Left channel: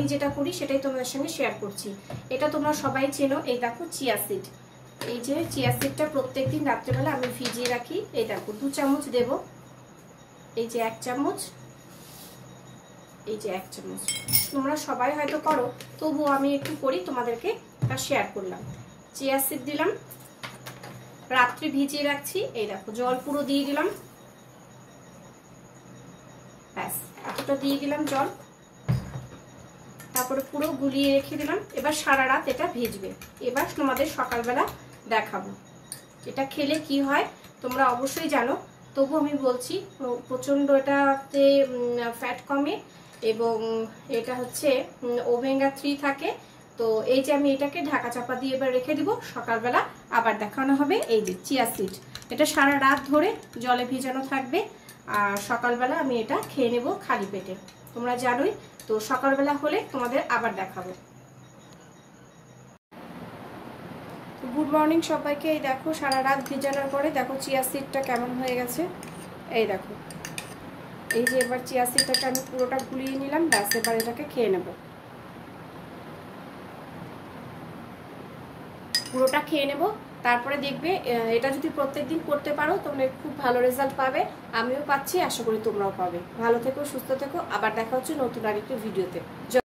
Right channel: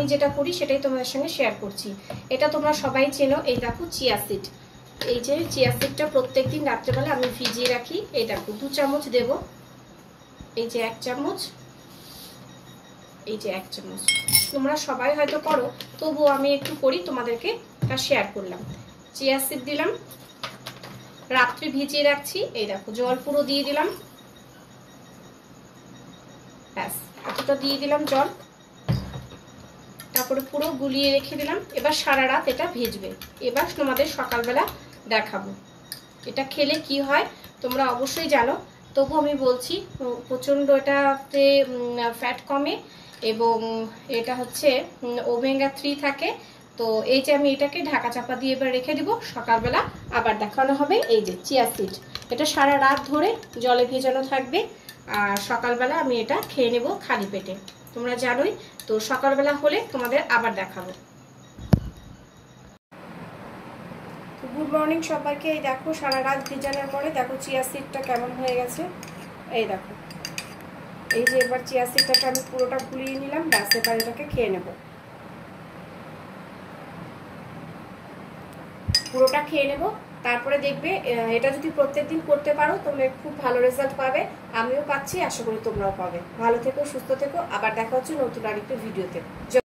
আমি যেটা করি সেটাই তোমাদের সঙ্গে শেয়ার করছি। এটা তোমরা সবাই চেনো। এই দেখো চিয়া সিড, এই যে চিয়া সিডটা প্রত্যেকদিন রাত্রেবেলা আমি ভিজিয়ে রাখি। এই দেখো 2 চামচ দেব, এই যে 1 চামচ, এই যে 1 চামচ। তোমরা সবাই হয়তো করো, তবুও আমি একটু করি, তোমাদেরকে এটা শেয়ার করলাম। চিয়া সিড দিলাম, রাত্রি ভিজিয়ে রাখছি। এই দেখো জল পুরো দিয়ে দিলাম, ব্যাস এতটা দিয়ে দিলাম জল, তারপরে পুরো গুলিয়ে রেখে দিলাম। এবার সারা রাত এটা ভিজবে। এবার তোমাদের সকালবেলা দেখাবো এটা খেলে কি হয়, তোমরা অবশ্যই জানো, তবু আমি বলছি। প্রচন্ড এটাতে ফ্যাট কমে এবং এটা হচ্ছে ওমেগা 3 থাকে। তো এই যে আমি এটাকে ঢাকা চাপা দিয়ে এবার রেখে দিব, সকালবেলা আবার দেখানো হবে। এই যে চিয়া সিড, এটা সারা রাত ধরে জলে ভেজানো থাকবে, আর সকালবেলা আমি এটা খেয়ে নেব খালি পেটে, তোমরা জানোই। তো সকালবেলা হলে তোমাদের আবার দেখাবো। গুড মর্নিং সবাইকে। এই দেখো সারা রাত ভিজানোর পরে দেখো চিয়া সিডটা কেমন হয়ে গেছে। এই দেখো, এই যে এবার চিয়া সিডটাকে আমি পুরোটা গুলিয়ে নিলাম, ব্যাস এবার এটাকে খেয়ে নেব, পুরোটা খেয়ে নেব। তারপরে দেখবে এটা যদি প্রত্যেকদিন করতে পারো তাহলে খুব ভালো রেজাল্ট পাবে। আমিও পাচ্ছি, আশা করি তোমরাও পাবে। ভালো থেকো, সুস্থ থেকো, আবার দেখা হচ্ছে নতুন আরেকটা ভিডিওতে।